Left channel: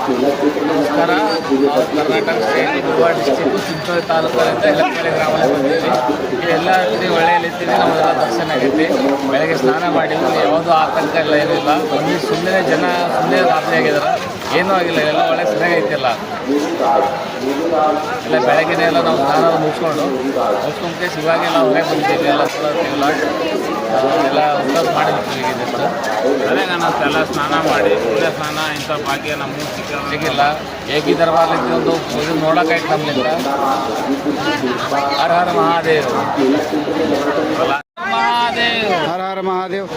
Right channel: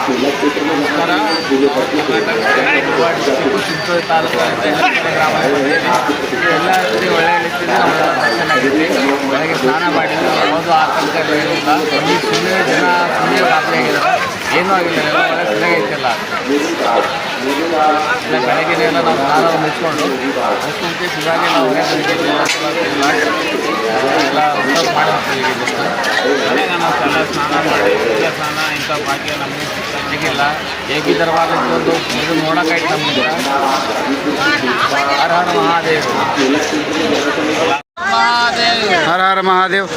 ನಮಸ್ಕಾರ. ನಾವು Karnataka state Goa district Chincholi taluk ತೆಂಗಲಕೆರೆ ಗ್ರಾಮ ಎಲ್ಲ ರೀತಿ ಒಳ್ಳೆಯ ರೀತಿಯಲ್ಲಿ ನಾವೆಲ್ಲ ದರ್ಶನ ಆಗೈತಿ. ಬೆಳಗ್ಗೆ ಸ್ನಾನ ಮಾಡಿದ್ವಿ, ಯಾವುದೂ ಆತಂಕ ಎಲ್ಲ ಏನಿಲ್ಲ. ಬನ್ನಿ ಸುಮ್ಮನೆ ಜನ ಸುಮ್ಮನೆ ಗಾಬರಿ ಆಗಿದ್ದಾರೆ, ಏನೂ ಆಗಿಲ್ಲ, ಎಲ್ಲ ಒಳ್ಳೆ ಚೆನ್ನಾಗೈತಿಲ್ಲ. ಇಲ್ಲ ಬೆಳಗ್ಗೆನೇ ಎಲ್ಲ ನಾವು ಸ್ನಾನ ಮುಗಿಸ್ಕೊಂಡು ಇವಾಗೆಲ್ಲ ಹೊರಗೆ ಬಂದಿದ್ದೀವಿ. ಎಲ್ಲ ತೊಗೊಳ್ತಿಲ್ಲ, ಎಲ್ಲ ಊಟ ಮಾಡಿರ್ತೀವಿ. ಬೆಳಗ್ಗೆ ನಾವು ಎಲ್ಲ ಸ್ನಾನ ಮಾಡಿ ಸೂರ್ಯ ಸ್ನಾನ ಇಂಥ ಭಾಗ್ಯ ನಮಗೂ ಸಿಗಿಲ್ಲ. ಹೇಗಿದ್ದರವಾಗ ಒಂದು ಇದು ನೋಡೋಕ್ಕಾಯ್ತು ನಮ್ಮಿಂದ. ಹರ ಹರ ಮಹಾದೇವ್, ಮಹಾದೇವ್, ಹರ ಹರ ಮಹಾದೇವ್.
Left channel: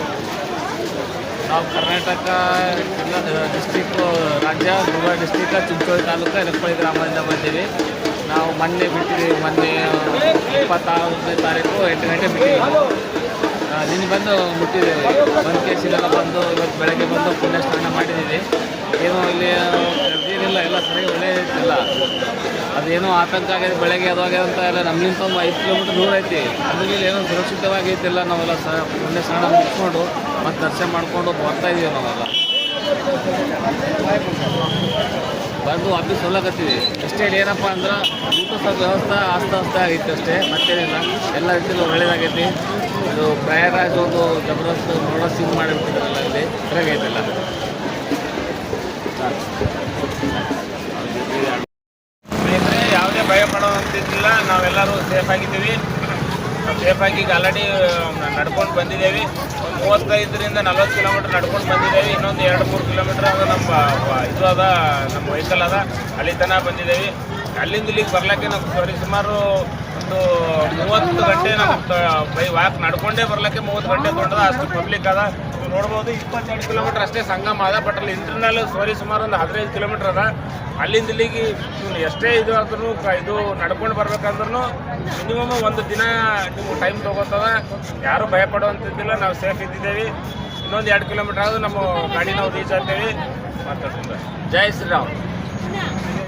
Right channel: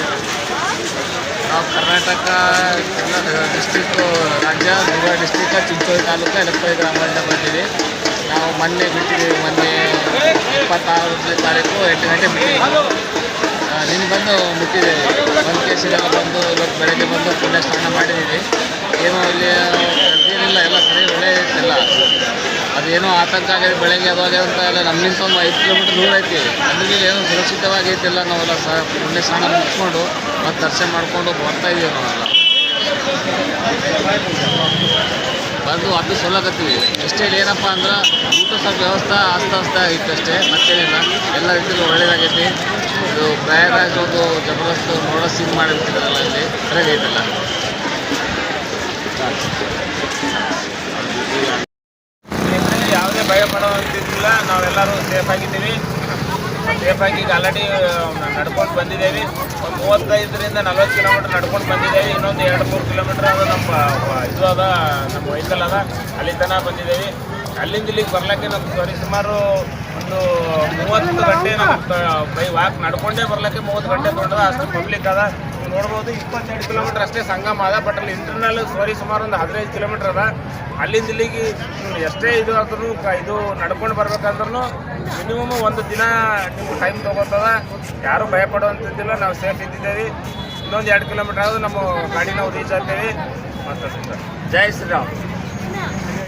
ನಾವು ಕರ್ನಾಟಕ ಡಿಸ್ಟ್ರಿಕ್ಟು ರಾಜ್ಯ ಗೋವಾ ಡಿಸ್ಟ್ರಿಕ್ಟ್ ಚಿಂಚೋಳಿ ತಾಲೂಕು ಎಡಪಳ್ಳಿ ಗ್ರಾಮದಿಂದ ಬಂದೀವಿ. ನಾವು ಮೊನ್ನೆ ಬಿಟ್ಟಿದ್ದೀವಿ, ಮೊನ್ನೆ 26ನೇ ತಾರೀಕು 8 ಗಂಟೆ ಬಿಟ್ಟಿದ್ದೀವಿ. ನಿನ್ನೆ ಬಂದು ಮುಟ್ಟಿದ್ದೇವೆ. ಒಂದು ಕೇಸಿಗೆಲ್ಲ ಬಂದು ಇವತ್ತು ಬೆಳಗ್ಗೆ ಬಂದು ಪುಣ್ಯ ಸ್ನಾನ ಮಾಡಿದ್ದೀವಿ. ಏನೋ ಇಲ್ಲಿ ಏನಿಲ್ಲ, ಎಲ್ಲ ಸರಿ ಒಳ್ಳೆ ಐತಿಲ್ಲ. ಅದೇನೋ ಆತಂಕ ಆಗಿದೆ ಬೆಳಗ್ಗೆ ಅದು ಆಗಿದೆ ಅಂತ ಎಲ್ಲ ನಮ್ಮಿಂತ ಒಂದು 5 ಕಿಲೋಮೀಟ್ರ್ ದೂರ ಐತಿ. ಅದ್ರಲ್ಲಿ ಏನೋ ಸುರಕ್ಷಿತವಾಗಿ ಐತಿಲ್ಲ. ನಾವೆಲ್ಲ ಪುಣ್ಯ ಸ್ನಾನ ಮುಗಿಸ್ಕೊಂಡು ಮತ್ತು ದರ್ಶನ ಮಾಡಿಕೊಂಡು ಬರ್ತಾಯಿದ್ದೀವಿ. ನಾವೆಲ್ಲ ಬಂದು ವಾಪಸ್ ಹೋಗ್ಲಕತ್ತೀವಿ. ಇಷ್ಟೇ ಏನಪ್ಪ ಅಂದ್ರೆ ಊಟ ಸ್ವಲ್ಪ ವ್ಯವಸ್ಥೆ ಆಸ್ತ ಆಗಿತ್ತು ಅಷ್ಟೇ, ಮತ್ತೇನಿಲ್ಲ. ಎಲ್ಲ ರೀತಿಯಲ್ಲೂ ಒಳ್ಳೆಯದಾಗೈತಿ. ಇದು ಪ್ರಯಾಗರಾಜ್ ಒಂದು ಜಬರ್ದಸ್ತ್ ನೋಡೋ ಸೀನ್ ಮಾಡಿರ್ತಿದ್ರಲ್ಲ, ಇಲ್ಲಿ ಸರಿಯಾಗೈತಿಲ್ಲ. ಸ್ನೇಹಿತರೆ, ಯಾವುದೇ ಭಯ ಪಡೋವಂತಿದ್ದಿಲ್ಲ. ನಾವೆಲ್ಲರೂ ಸೇಫಾಗಿದ್ದೀವಿ. ಸೇಫಾಗಿ ಈಗ ಆಲ್ರೆಡಿ ನಡ್ಕೊಂಡು ಬಂದಿದ್ದೇವೆ. ಒಂದು 35ರಿಂದ 40 ಕಿಲೋಮೀಟ್ರ್ ನಡ್ಕೊಂಡು ಬಂದಿದ್ದೇವೆ. ಇನ್ನೊಂದು 2-3 ಕಿಲೋಮೀಟ್ರ್ ಅದು ನಮ್ಮ ಇದು ಅದ, ನಮ್ಮ ವೆಹಿಕಲ್ ಅದ, ಅಲ್ಲಿ ತನಕ ಬಂದಿದ್ದೇವೆ. ಅಲ್ಲಿಂದ ಇಲ್ಲಿಗೆ ಬರ್ಲಿಕ್ಕೆ ನಮ್ಗೆ ಸುಮಾರು ಒಂದು 30 ಗಂಟೆ ನಮ್ಗೆ ಬೈ ವಾಕ್ ನಡ್ಕೊಂಡೇ ಬರ್ಲಿಕ್ಕೆ 30 ಗಂಟೆ ತೊಗೊಂಡದ. ಅಷ್ಟು ಪಬ್ಲಿಕ್ ಅದ. ನೀವು ನೋಡ್ಬೋದು 22 ಕಿಲೋಮೀಟ್ರ್ ಅಷ್ಟೇ ಸಂಗಮ ಅದ. ಬಟ್ ಅಲ್ಲಿ ಇಂಟರ್ನಲ್ ಸುಮಾರು ಒಂದು 15 ಕಿಲೋಮೀಟ್ರ್ ಅದ. ಅಲ್ಲಿಂದ ಇಲ್ಲಿಗೆ ಎಷ್ಟೇ ಇದು ಆದ್ರೂ ಇದು ನಡ್ಕೊಂಡು ಬರ್ಬೇಕಂದ್ರೂ ಮಿನಿಮಮ್ ಒಂದು ದಿನ ನಿಮ್ಗೆ ಟೈಮ್ ತೊಗೋತದ. ಯಾರೂ ಭಯ ಪಡುವಂಥದ್ದಿಲ್ಲ, ನಾವು ಸೇಫ್ ಇದ್ದಿದ್ದೇವೆ. ಇನ್ನೊಂದು 2 ಕಿಲೋಮೀಟ್ರ್ ಆದರೂ ನಮ್ಮ ಗಾಡಿ ನಾವು ರೀಚ್ ಆಗ್ತೇವೆ. ಮಾತಾಡ್ತೀನಿ. ಜೈ ಶ್ರೀರಾಮ್.